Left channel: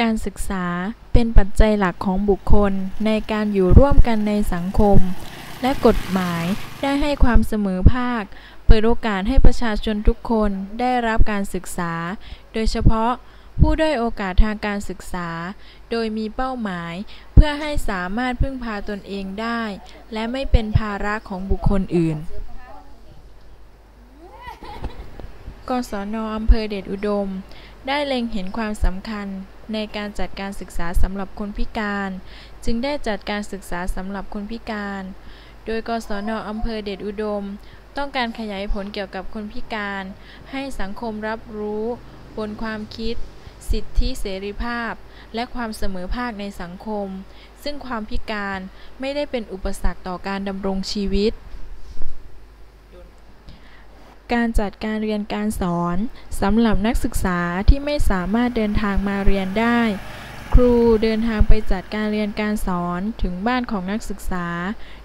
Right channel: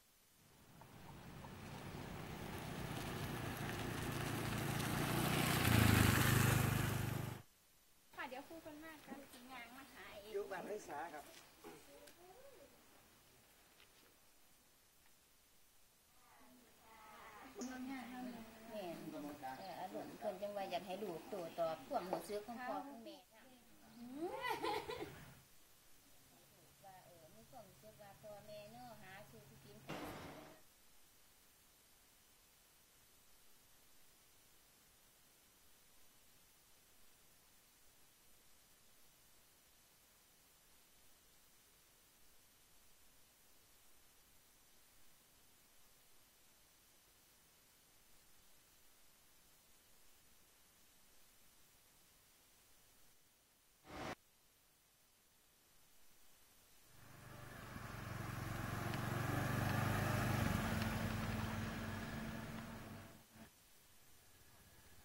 การศึกษาเป็นปัจจัยหลักของบุคคลในการอยู่ร่วมกันในสังคม และกฎหมายได้ให้ความเสมอภาค เปิดโอกาสให้ประชาชนทุกคนได้รับการศึกษา โดยเฉพาะผู้ด้อยโอกาสทางการศึกษา โดยมีเป้าหมาย เพื่อให้สามารถพึ่งพาตนเองได้ และไม่เป็นภาระของบุคคลอื่น กศนอำเภอเดชอุดม ได้เล็งเห็นความสำคัญในการจัดการศึกษาสำหรับคนพิการ จึงได้จัดการศึกษาสำหรับคนพิการ โดยกศนอำเภอเดชอุดม ต้องการขยายผลเกี่ยวกับคนพิการ ให้สังคมรับรู้ บนความคิด สิทธิเสรีภาพ และความเสมอภาคในสังคม ซึ่งความพิการไม่ได้เป็นอุปสรรคต่อการดำรงชีวิต การจัดการเรียนการสอนสำหรับนักศึกษาที่ไม่สามารถเดินทางมาเรียนได้ ครูเดินทางไปจัดการเรียนการสอนถึงบ้านของนักศึกษา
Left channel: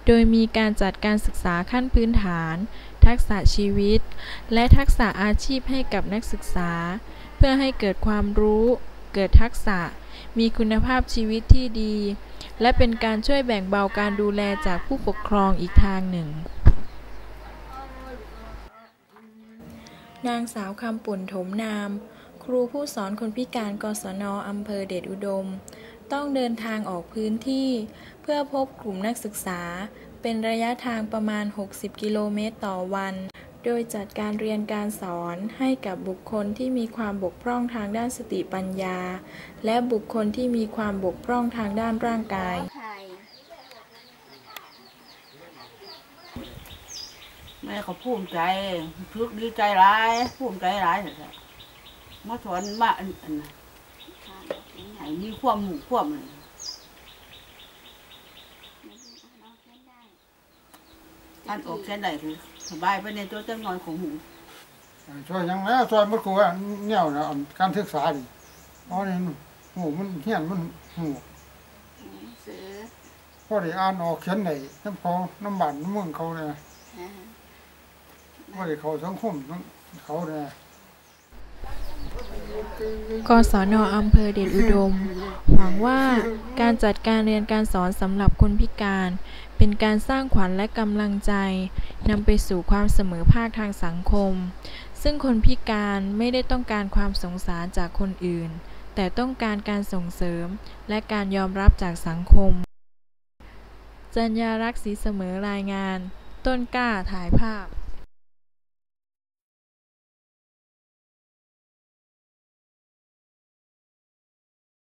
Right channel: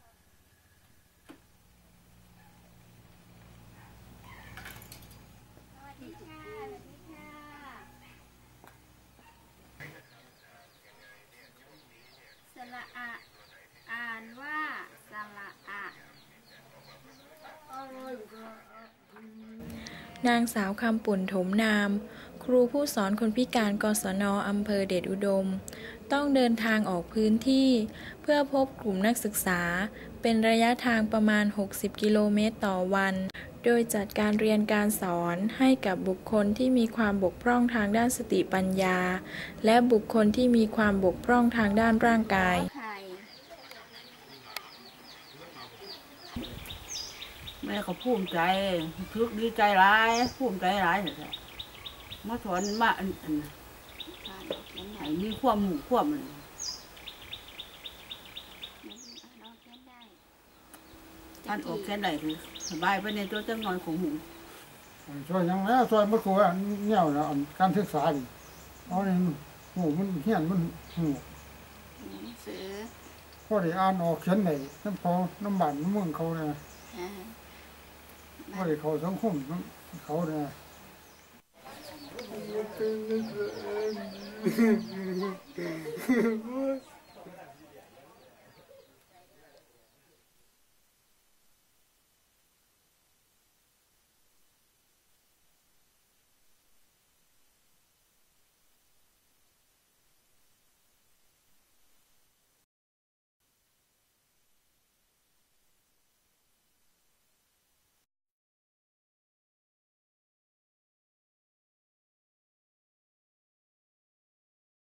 โดยมีการจัดการศึกษาขั้นพื้นฐาน ทักษะชีวิต และทักษะอาชีพให้กับนักศึกษา เพื่อให้เกิดความรู้ เกิดทักษะ มีคุณภาพชีวิตที่ดี และเป็นการช่วยแบ่งเบาการดูแลจากผู้ปกครองอีกทางหนึ่ง นางสาวคำปุ่นถมนาม ครูผู้สอนคนพิการกศนอำเภอเดชอุดม ต้องเดินทางออกพื้นที่ เพื่อพบกลุ่มนักศึกษา เป็นระยะทางประมาณ 60 กิโลเมตรต่อวัน โดยจัดการเรียนการสอนให้กับบุคคลที่มีความบกพร่องทางด้านสติปัญญา และบุคคลที่มีความบกพร่องทางด้านร่างกาย แม่เขาภูมิใจทึกดีใจร้ายภูมิใจร้ายแท้ๆมาสอนมาอันอันน่ะให้มีความหมู่ความอะไรท่านออกแค่ไหนคือสบายไปในตัวจังนอนของหมูช่วยยังแล้วช่วยมันครูอันเนี่ยนะอันการศึกษาดิเอานี่หูมันเฮียนมันหูซื้อพอได้อ่านออกเขียนได้น้ำเขาน้ำบานน้ำเมืองเขาเนี่ย ฮะพอได้เขาสังคมเขาเนี่ยกศนอำเภอเดชอุดม หวังว่าการจัดการเรียนการสอนสำหรับคนพิการ เป็นการสร้างขวัญและกำลังใจนำไปสู่ความเสมอภาคทางสังคม ซึ่งคนพิการไม่ได้ต้องการความสงสารจากคนอื่น แต่ต้องการการส่งเสริมและการยอมรับจากสังคม จัญญารักศีเสมอรายงาน ต้นกล้าถ่ายภาพ